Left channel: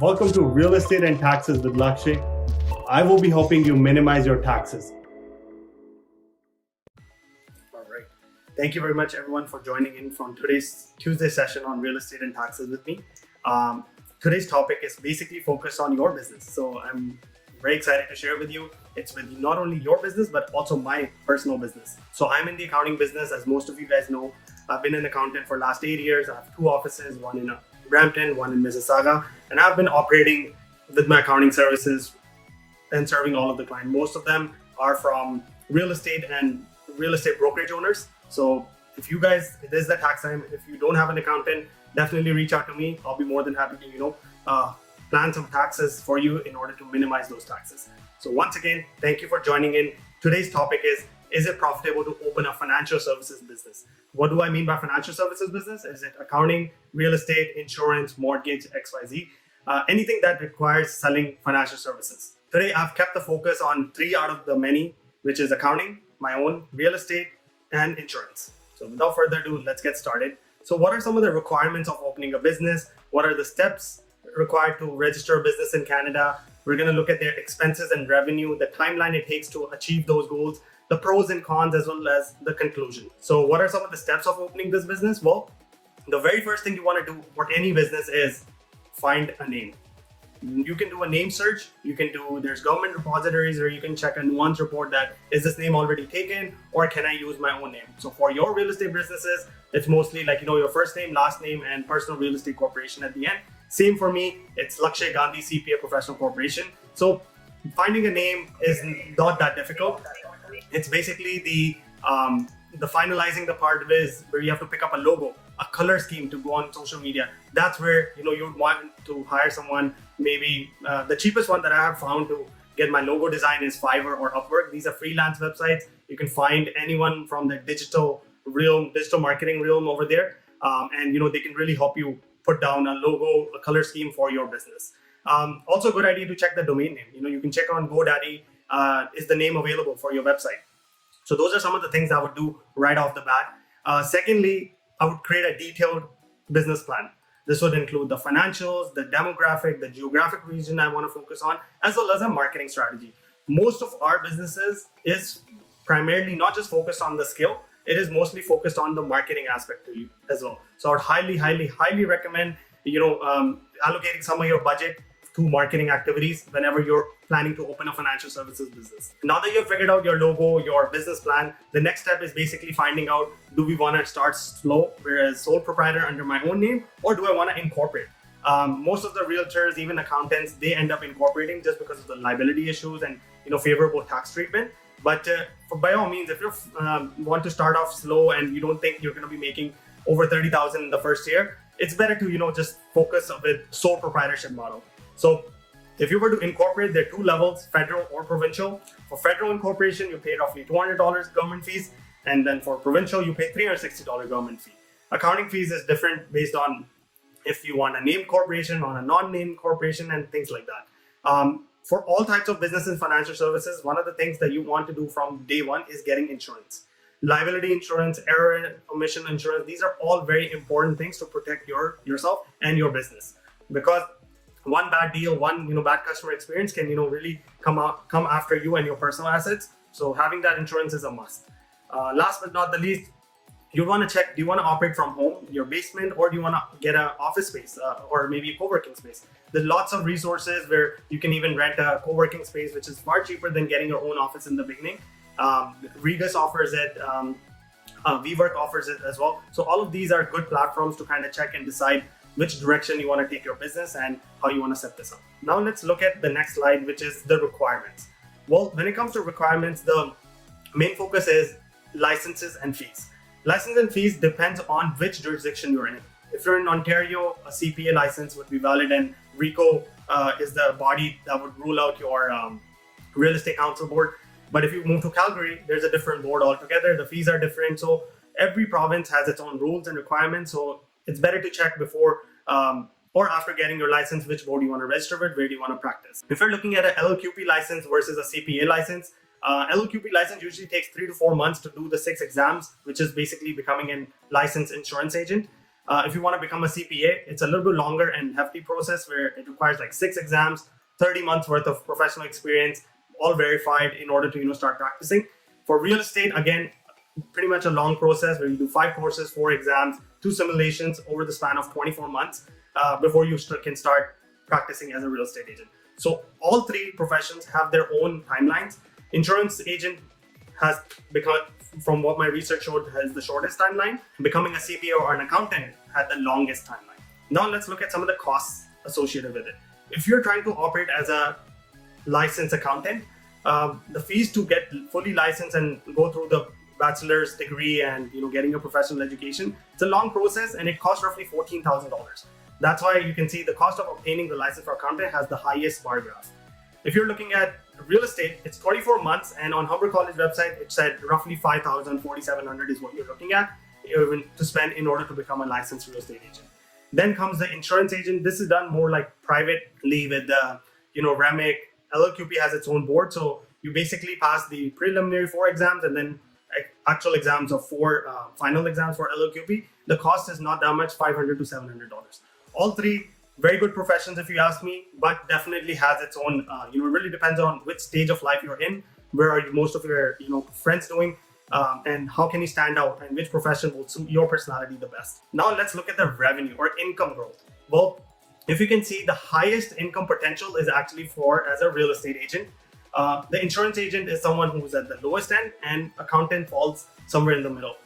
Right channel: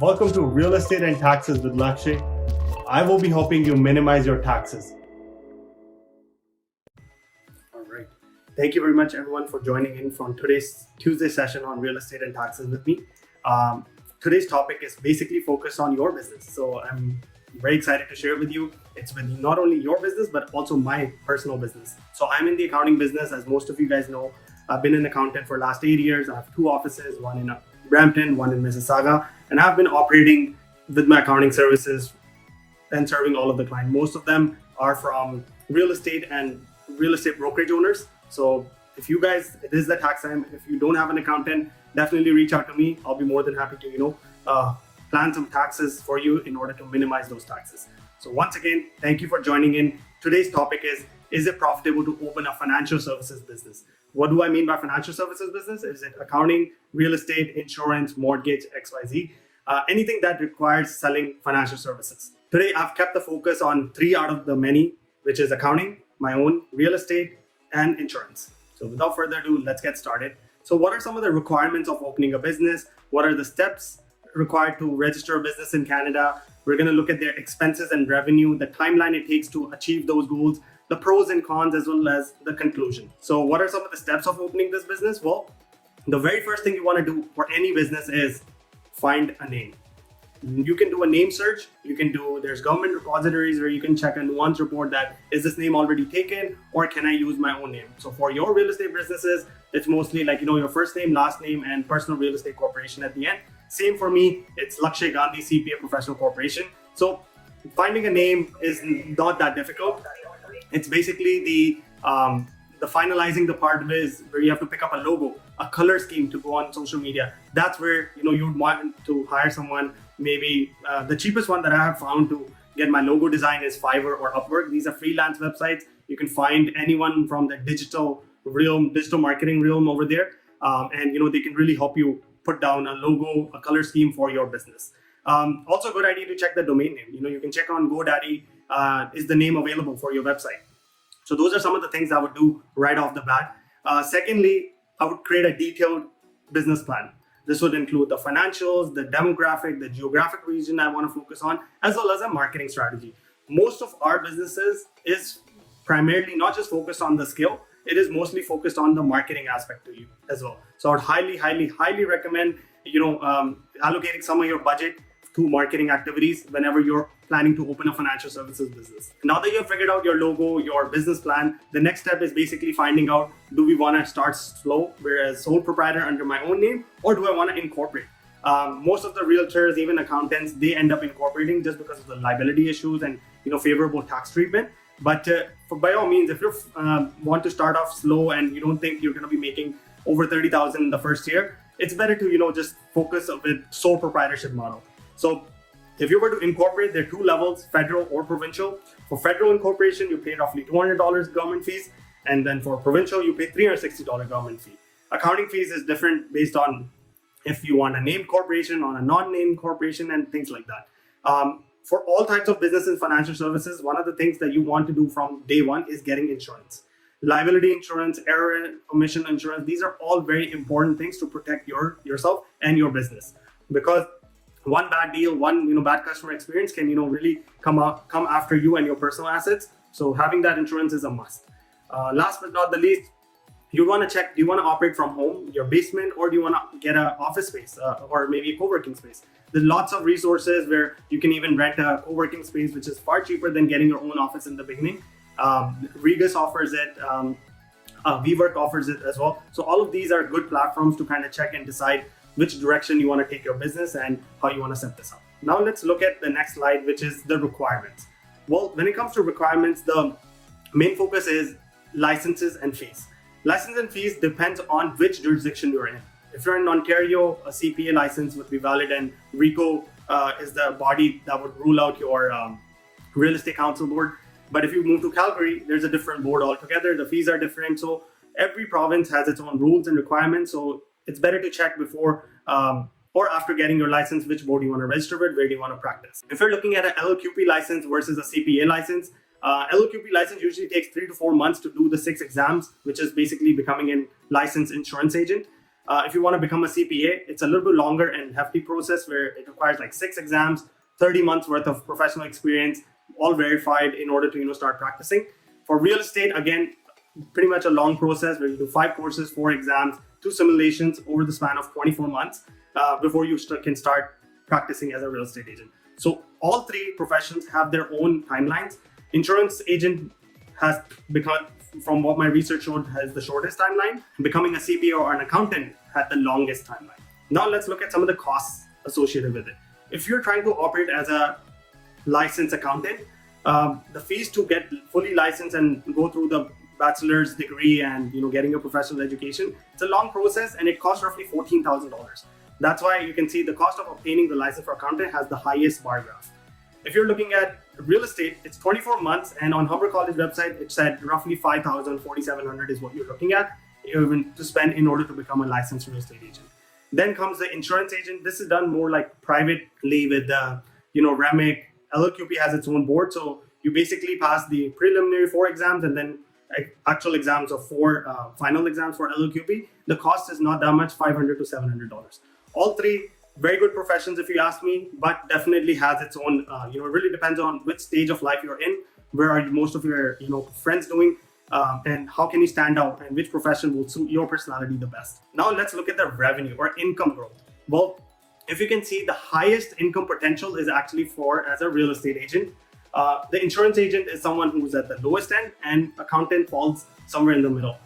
Welcome to Real Estate and Taxes with Lakshay. I will be helping you minimize your taxes. All right. Thank you very much, everyone, for joining in from today's Tuesday session on Real Estate and Taxes with me. Today's topic is basically focused on your business. So I'm very excited to share with you. It's with not only your business, but also my personal business. So I'm in the accounting business, as most of you guys know. I've been an accountant for the last 8 years. I have 2 offices, one in Brampton, one in Mississauga, and I've been operating with my accounting services and serving all of the clients. Most of them are from real estate and real estate brokerage owners. So if you guys, it is the tax time. If you don't have an accountant, definitely reach out to me. I'll be more than happy to, plan some taxes for you in order to minimize those taxes. So once again, thank you for joining in. Today's topic is it profitable to open a financial services business? What do I mean by financial services business? Is it accounting, real estate, insurance, mortgage, XYZ? Anything that requires selling financial services. Today, I've kept the focus on 3 out of the many, which is accounting, my own, real estate, and insurance. So without further ado, let's get started. So what are some of the requirements of opening a business? What are the steps required to register a business in Canada? We're going to look at their expenses and revenue, the timeline it takes to achieve those goals, the pros and cons, as well as the conclusion. So what are some of the steps of opening this business? Well, the very first thing you want to do for any business is find a name. You can do a name search. There's government repositories where you can check a nuance report that is this name already taken or can I use my own name? So for your real estate businesses, it's mostly like, your first name, last name, and personal real estate corporation at the end. Same for me, it's Lakshay Gandhi CPA Professional Corporation. So finding a name is not that difficult. It's basically the finalizing the part of it is where you have to pick up a logo, a color scheme to go on social media. That's where you want to hire someone. Maybe the cheapest one that I have found to get my logo design is Fiverr or Upwork. These are freelance websites. You can find anyone from the digital marketing realm over there, and they can really help you put down a logo, a color scheme for your business. Also, a good idea to check the domain name. You can check on GoDaddy. Is the name available for your website? So those are some of the things I would do right off the bat. Secondly, I would create a detailed business plan. This would include the financials, the demographic, the geographic region I want to focus on, as well as a marketing strategy. Most of our businesses is primarily not just focused on the skill, it is mostly focused on the marketing aspect to you as well. So I'd highly recommend, allocating some of your budget to marketing activities whenever you're planning to open a financial services business. Now that you've figured out your logo, your business plan, the next step is basically finding out, do we want to start slow, whereas sole proprietor under my own name, or do I want to incorporate? Most of the realtors, even accountants, they end up incorporating just because of the liability issues and favorable tax treatment. But by all means, if you want to start off slow and you don't think you're going to be making over 30,000 in the first year, it's better to just focus with sole proprietorship model. So if you were to incorporate, there are 2 levels, federal or provincial. For federal incorporation, you pay roughly $200 government fees, and then for provincial, you pay $360 government fee. Accounting fees is different based on if you want a named corporation, on a non-named corporation, and things like that. For all types of business and financial services, one of the things that you want to do from day one is getting insurance. Liability insurance, error and omission insurance, these are all very important things to protect yourself and your business. Because one bad deal, one bad customer experience can really come after you and your personal assets. So having that insurance is a must. Last but not the least, you want to check, do you want to operate from home, your basement, or do you want to get an office space or maybe a co-working space? There's lots of resources where you can even rent a co-working space, which is far cheaper than getting your own office in the beginning. Regus offers it, WeWork offers it as well. So all of these are good platforms to kind of check and decide which direction you want to take your business and how you want to set this up. Now let's look at the next slide, which is the requirements. Well, when it comes to requirements, the main focus is licenses and fees. License and fees depends on which jurisdiction you're in. If you're in Ontario, a CPA license would be valid, and RICO is the body that would rule out your real estate council board. But if you move to Calgary, there's a different board altogether. The fees are different. So every province has its own rules and requirements. So it's better to check before or after getting your license, which board you want to register with, where do you want to practice. If you're looking at an LLQP license versus a CPA license, LLQP license usually takes 3 to 4 months to do the 6 exams, which is basically becoming a licensed insurance agent. If you want to become a CPA, it's a little bit longer and hefty process where it requires like 6 exams, 30 months worth of professional experience, all verified in order to start practicing. For real estate, again, pretty much a long process where you do 5 courses, 4 exams, 2 simulations over the span of 24 months before you can start practicing as a real estate agent. So all 3 professions have their own timelines. Insurance agent has become, from what my research showed, has the shortest timeline. Becoming a CPA or an accountant had the longest timeline. Now let's look at some of the costs associated with it. If you're trying to operate as a licensed accountant, the fees to get fully licensed and go through the bachelor's degree and getting a professional education, it's a long process and it costs roughly $14,000. That's why you can see the cost of obtaining the license for accountant has the highest bar graph. If you're looking at real estate, it's 24 months, and on Humber College website, it said roughly $5,000, $4,700 is what you're looking at even to spend in order to become a licensed real estate agent. Then comes the insurance agent. This is done more like privately with REMIC. LLQP has its own board, so you basically pass the preliminary 4 exams and then actual exams of 4 final exams for LLQP. The cost is not that much, $500 to $700. All 3 very good professions, if you ask me, but definitely has its own. It really depends on which stage of life you're in, where are most of your friends doing, and how can you stand out, and which profession will suit your personality the best. Now let's look at the revenue or income growth. Well, if you can see, the highest income potential is actually as a real estate agent. The insurance agent is someone who's at the lowest end, and accountant falls somewhere in the middle.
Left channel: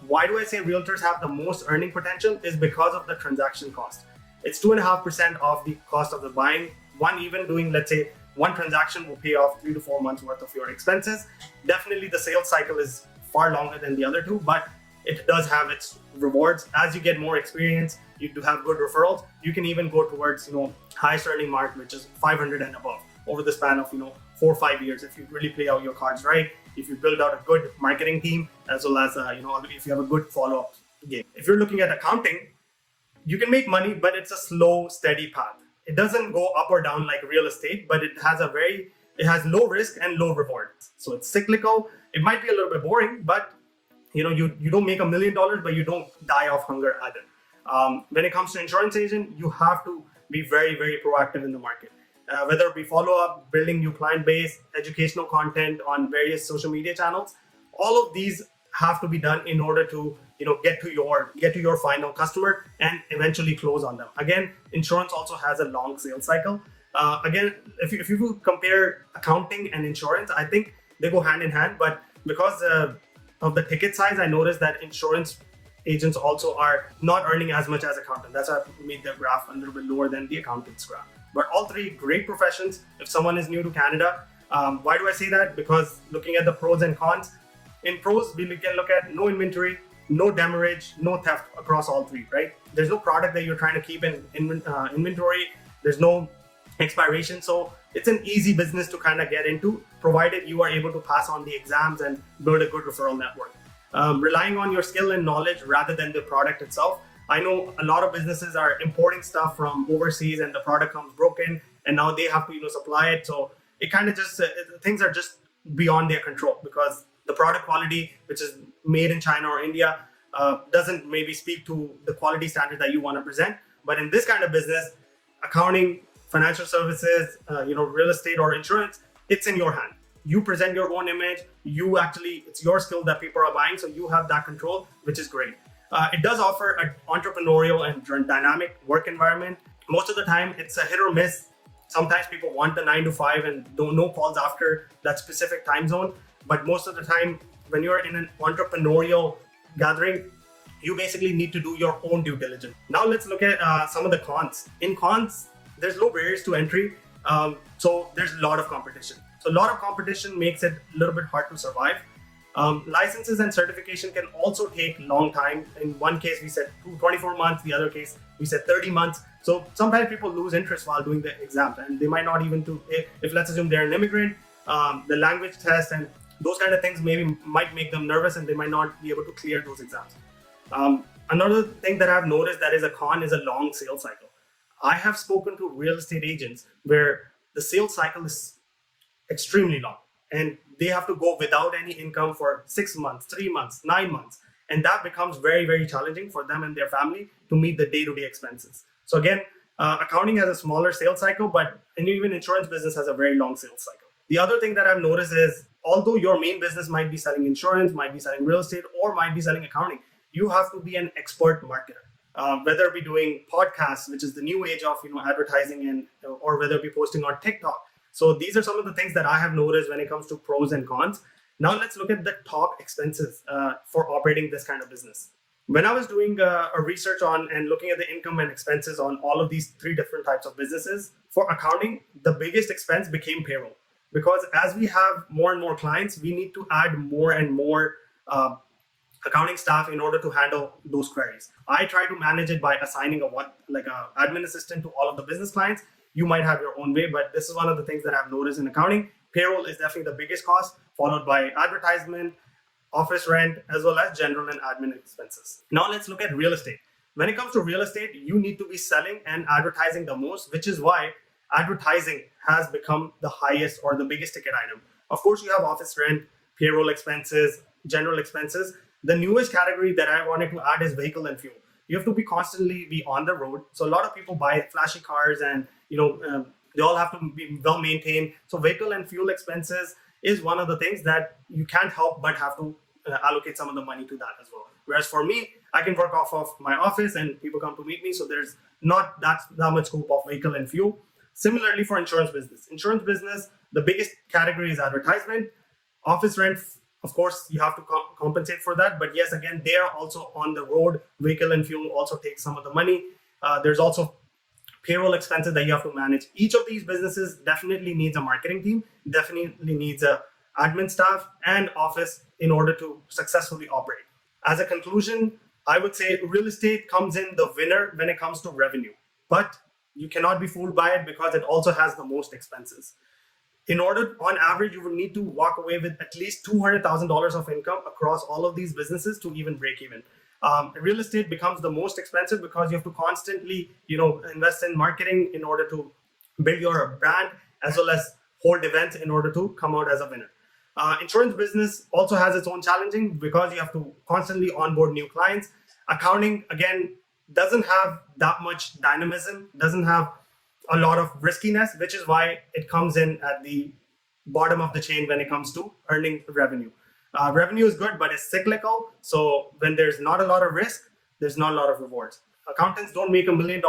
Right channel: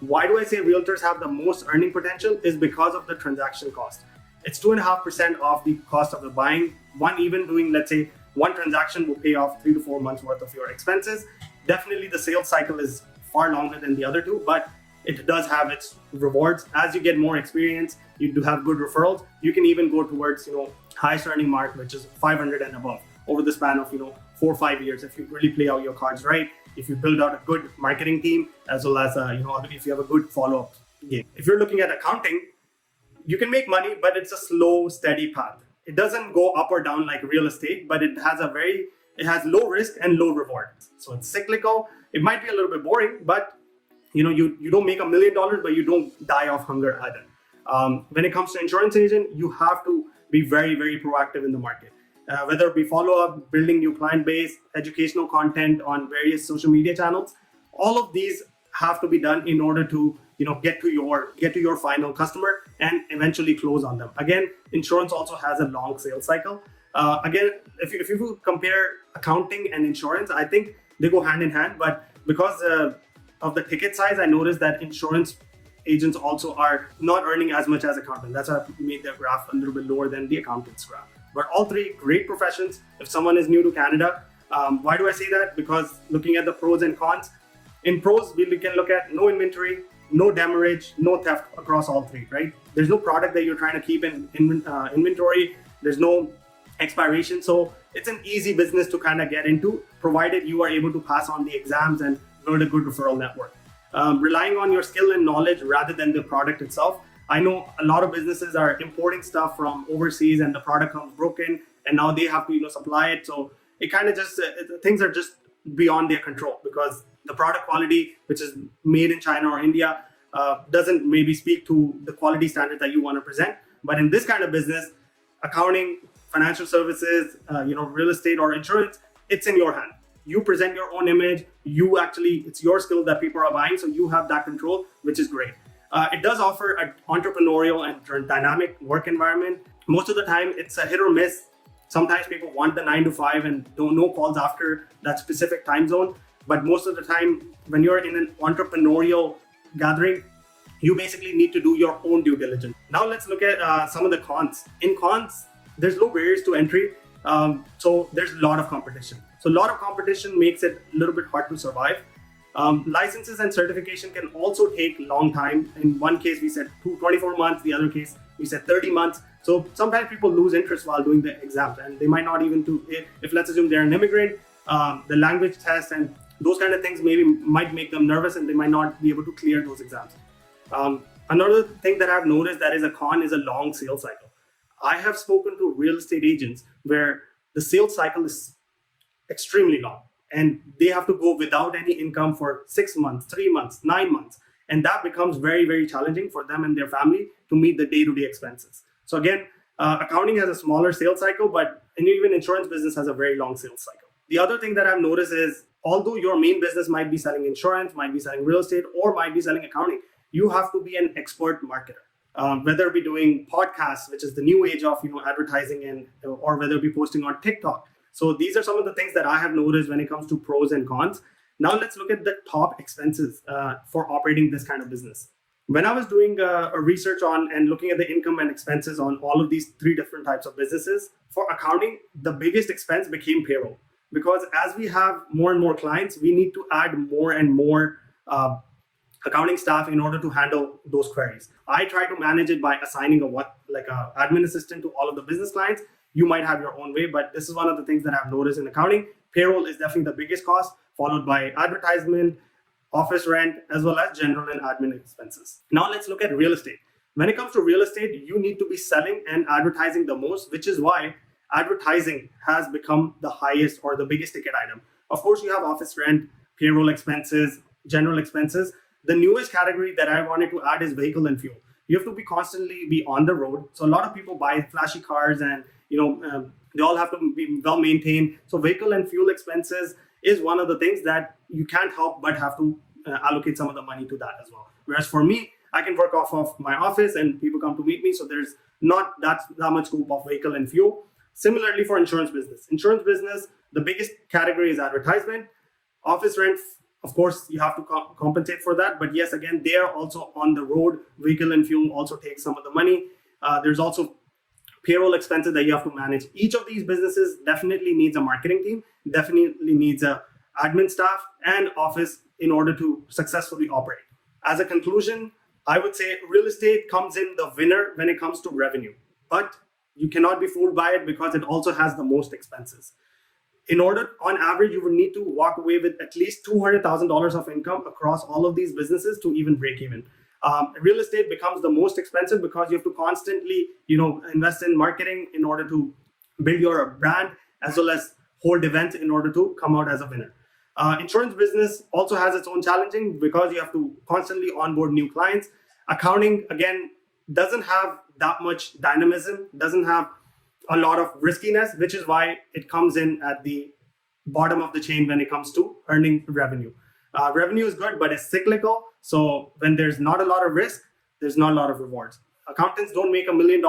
Why do I say realtors have the most earning potential? Is because of the transaction cost. It's 2.5% of the cost of the buying. Let's say one transaction will pay off 3 to 4 months worth of your expenses. Definitely the sales cycle is far longer than the other 2, but it does have its rewards. As you get more experience, you do have good referrals. You can even go towards highest earning mark, which is 500 and above over the span of 4 or 5 years if you really play out your cards right, if you build out a good marketing team, as well as if you have a good follow-up game. If you're looking at accounting, you can make money, but it's a slow, steady path. It doesn't go up or down like real estate, but it has low risk and low reward. So it's cyclical. It might be a little bit boring, but you don't make $1 million, but you don't die of hunger either. When it comes to insurance agent, you have to be very, very proactive in the market. Whether it be follow-up, building new client base, educational content on various social media channels, all of these have to be done in order to get to your final customer and eventually close on them. Again, insurance also has a long sales cycle. Again, if you compare accounting and insurance, I think they go hand in hand, but because of the ticket size, I noticed that insurance agents also are not earning as much as accountant. That's why I made their graph a little bit lower than the accountant's graph. But all 3 great professions. If someone is new to Canada, why do I say that? Because looking at the pros and cons, in pros, we can look at no inventory, no demurrage, no theft across all 3, right? There's no product that you're trying to keep in inventory. There's no expiration. So it's an easy business to kind of get into, provided you are able to pass on the exams and build a good referral network. Relying on your skill and knowledge rather than the product itself. I know a lot of businesses are importing stuff from overseas and the product comes broken and now they have to supply it. So it kind of just, things are just beyond their control because the product quality, which is made in China or India, doesn't maybe speak to the quality standard that you want to present. But in this kind of business, accounting, financial services, real estate or insurance, it's in your hand. You present your own image. It's your skill that people are buying, so you have that control, which is great. It does offer an entrepreneurial and dynamic work environment. Most of the time, it's a hit or miss. Sometimes people want the 9 to 5 and don't know calls after that specific time zone. But most of the time, when you're in an entrepreneurial gathering, you basically need to do your own due diligence. Now let's look at some of the cons. In cons, there's low barriers to entry. So there's a lot of competition. So a lot of competition makes it a little bit hard to survive. Licenses and certification can also take a long time. In one case, we said 24 months. The other case, we said 30 months. So sometimes people lose interest while doing the exam, and they might not even do, if let's assume they're an immigrant, the language test and those kind of things might make them nervous and they might not be able to clear those exams. Another thing that I've noticed that is a con is a long sales cycle. I have spoken to real estate agents where the sales cycle is extremely long and they have to go without any income for 6 months, 3 months, 9 months. And that becomes very, very challenging for them and their family to meet the day-to-day expenses. So again, accounting has a smaller sales cycle, and even insurance business has a very long sales cycle. The other thing that I've noticed is, although your main business might be selling insurance, might be selling real estate, or might be selling accounting, you have to be an expert marketer. Whether it be doing podcasts, which is the new age of advertising, or whether it be posting on TikTok. So these are some of the things that I have noticed when it comes to pros and cons. Now let's look at the top expenses for operating this kind of business. When I was doing a research on and looking at the income and expenses on all of these three different types of businesses, for accounting, the biggest expense became payroll. Because as we have more and more clients, we need to add more and more accounting staff in order to handle those queries. I try to manage it by assigning a admin assistant to all of the business clients. You might have your own way, but this is one of the things that I've noticed in accounting. Payroll is definitely the biggest cost, followed by advertisement, office rent, as well as general and admin expenses. Now let's look at real estate. When it comes to real estate, you need to be selling and advertising the most, which is why advertising has become the highest or the biggest ticket item. Of course, you have office rent, payroll expenses, general expenses. The newest category that I wanted to add is vehicle and fuel. You have to be constantly be on the road. So a lot of people buy flashy cars, and they all have to be well maintained. So vehicle and fuel expenses is one of the things that you can't help but have to allocate some of the money to that as well. Whereas for me, I can work off of my office and people come to meet me. So there's not that much scope of vehicle and fuel. Similarly for insurance business. Insurance business, the biggest category is advertisement. Office rent, of course, you have to compensate for that. But yes, again, they are also on the road. Vehicle and fuel also takes some of the money. There's also payroll expenses that you have to manage. Each of these businesses definitely needs a marketing team, definitely needs a admin staff and office in order to successfully operate. As a conclusion, I would say real estate comes in the winner when it comes to revenue, but you cannot be fooled by it because it also has the most expenses. In order, on average, you would need to walk away with at least $200,000 of income across all of these businesses to even break even. Real estate becomes the most expensive because you have to constantly, invest in marketing in order to build your brand, as well as hold events in order to come out as a winner. Insurance business also has its own challenging because you have to constantly onboard new clients. Accounting, again, doesn't have that much dynamism, doesn't have a lot of riskiness, which is why it comes in at the bottom of the chain when it comes to earning revenue. Revenue is good, but it's cyclical. So when there's not a lot of risk, there's not a lot of rewards. Accountants don't make $1 million,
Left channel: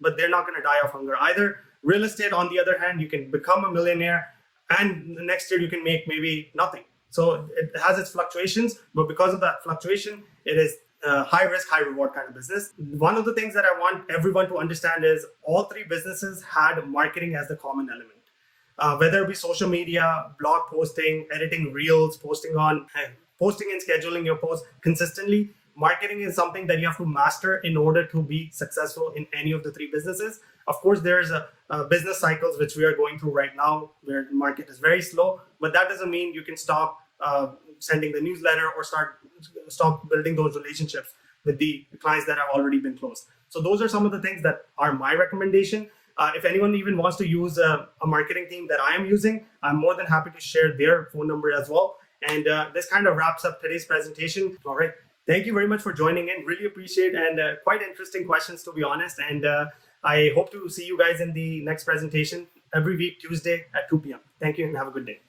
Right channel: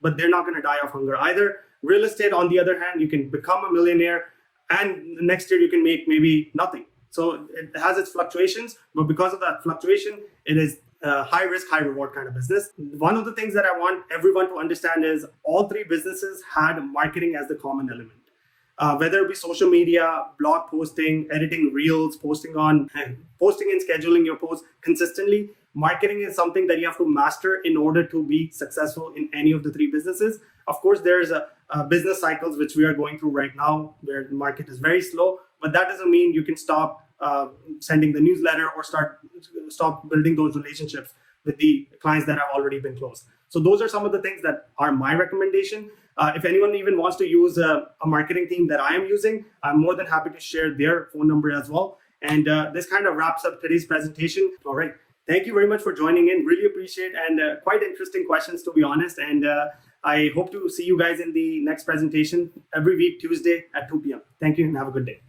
but they're not going to die of hunger either. Real estate, on the other hand, you can become a millionaire and next year you can make maybe nothing. So it has its fluctuations, but because of that fluctuation, it is high risk, high reward kind of business. One of the things that I want everyone to understand is all three businesses had marketing as the common element. Whether it be social media, blog posting, editing reels, posting and scheduling your posts consistently, marketing is something that you have to master in order to be successful in any of the three businesses. Of course, there's business cycles which we are going through right now where the market is very slow, but that doesn't mean you can stop sending the newsletter or stop building those relationships with the clients that have already been closed. So those are some of the things that are my recommendation. If anyone even wants to use a marketing team that I am using, I'm more than happy to share their phone number as well. And this kind of wraps up today's presentation. All right. Thank you very much for joining in. Really appreciate and quite interesting questions, to be honest. And I hope to see you guys in the next presentation every week, Tuesday at 2 p.m. Thank you and have a good day.